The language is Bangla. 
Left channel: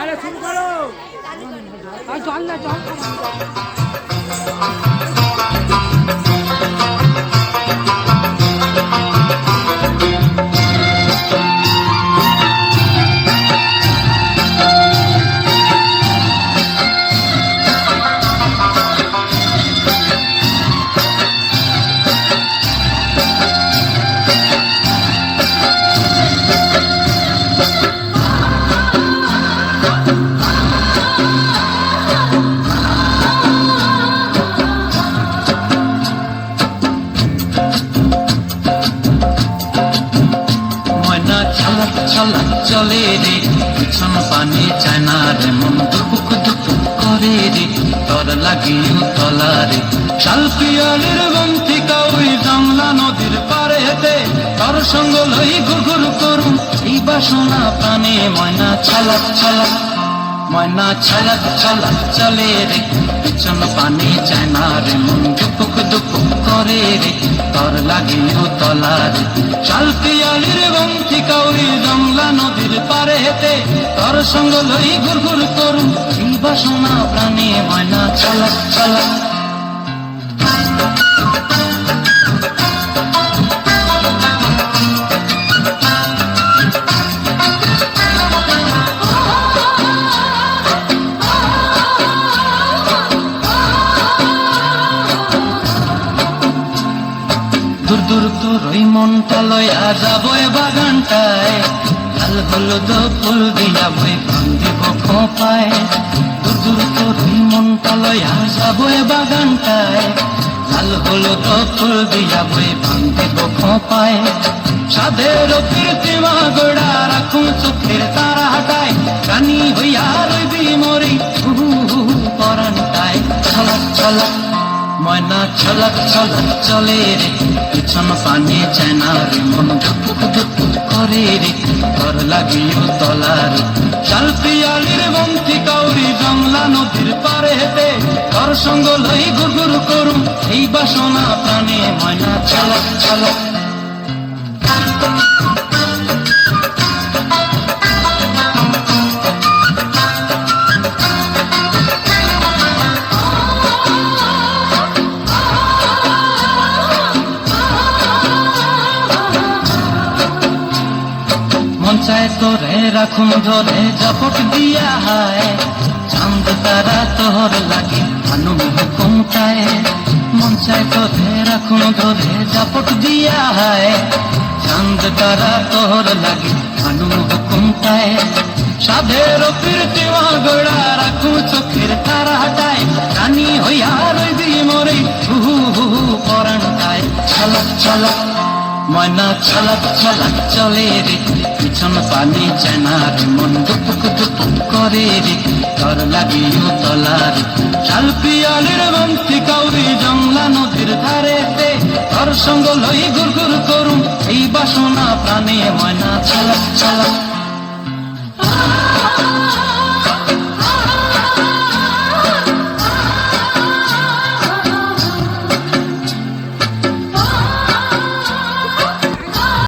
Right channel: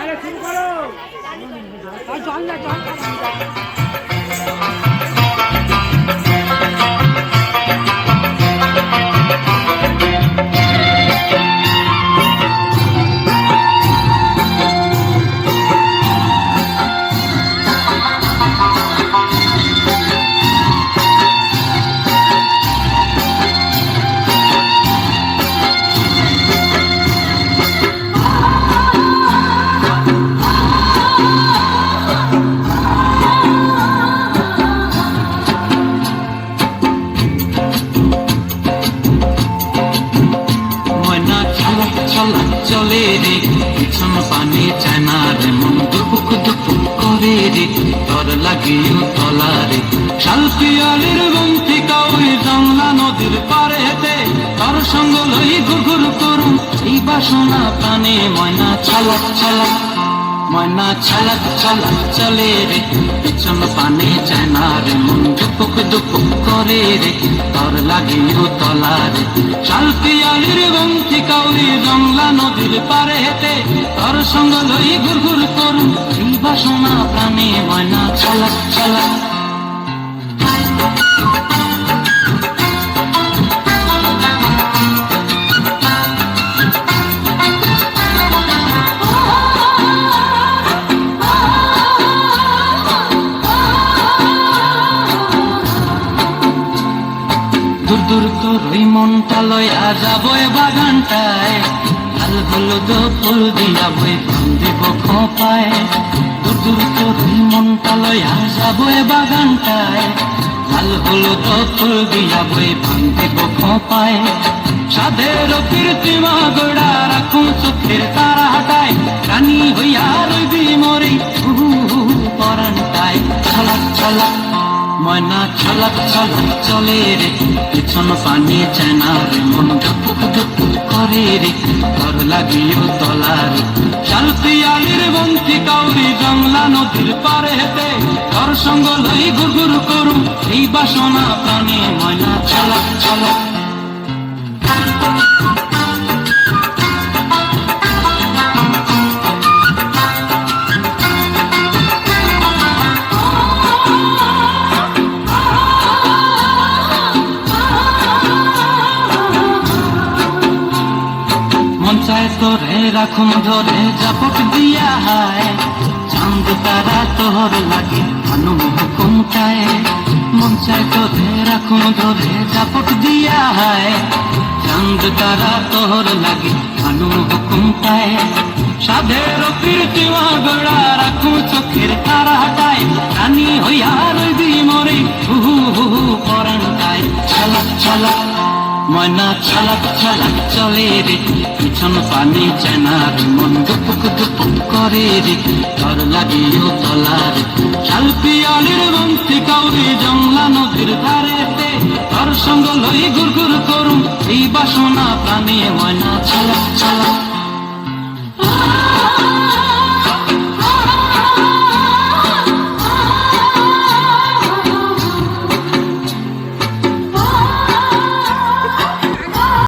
আরে শুরু করো। জল না জল চলে রে পিছন পানে চায়না রে মন দুপুক দুপুক করে রে তোর লাগিও তলা রে শালপিয়ালের বন্তি কাউই জংলা নদীর পারে হেতে তোর সঙ্গ লই ঘুরঘুর করুম এই বাসনা প্রাণে ময়না ছলক ছলক ময়না ছলক ছলক চলে রে পিছন পানে চায়না রে মন দুপুক দুপুক করে রে তোর লাগিও তলা রে শালপিয়ালের বন্তি কাউই জংলা নদীর পারে হেতে তোর সঙ্গ লই ঘুরঘুর করুম এই বাসনা প্রাণে ময়না ছলক ছলক দূর দূর তোর ওই মনটা লয়া যাবো এ বাগানটায় লাল হলুদ ফুল দিয়া বই দিব খোপায় দূর দূর তোর ওই মনটা লয়া যাবো এ বাগানটায় লাল হলুদ ফুল দিয়া বই দিব খোপায় সাধের কীর্তিমা গোড়া রাখো চোখের তারা হাতায় রানী হইয়া রইবি মরি পরানটায় ছলক ছলক ময়না ছলক ছলক চলে রে পিছন পানে চায়না রে মন ধুপুক ধুপুক করে রে তোর লাগিও তলার শালপিয়ালির বন্তি কাউরি জংলা নদীর পারে হেতে তোর সঙ্গ লই ঘুরঘুর করুম এই বাসনা প্রাণে ময়না ছলক ছলক চায় তোরে রাখুন ধরে জাপট দিয়া হায় চাঁদ তারা তোর লাগে আনু হুকুম চায় মন চায় তোরে রাখুন ধরে জাপট দিয়া হায় চাঁদ তারা তোর লাগে আনু হুকুম চায় সাধের কীর্তিমা গোড়া রাখু চোখের তারা হাতায় রানী হইয়া রইবি মরে হু পরানটায় ছলক ছলক ময়না ছলক ছলক চলে রে পিছন পানে চায়না রে মন দুপুক দুপুক করে রে তোর লাগিও তলা রে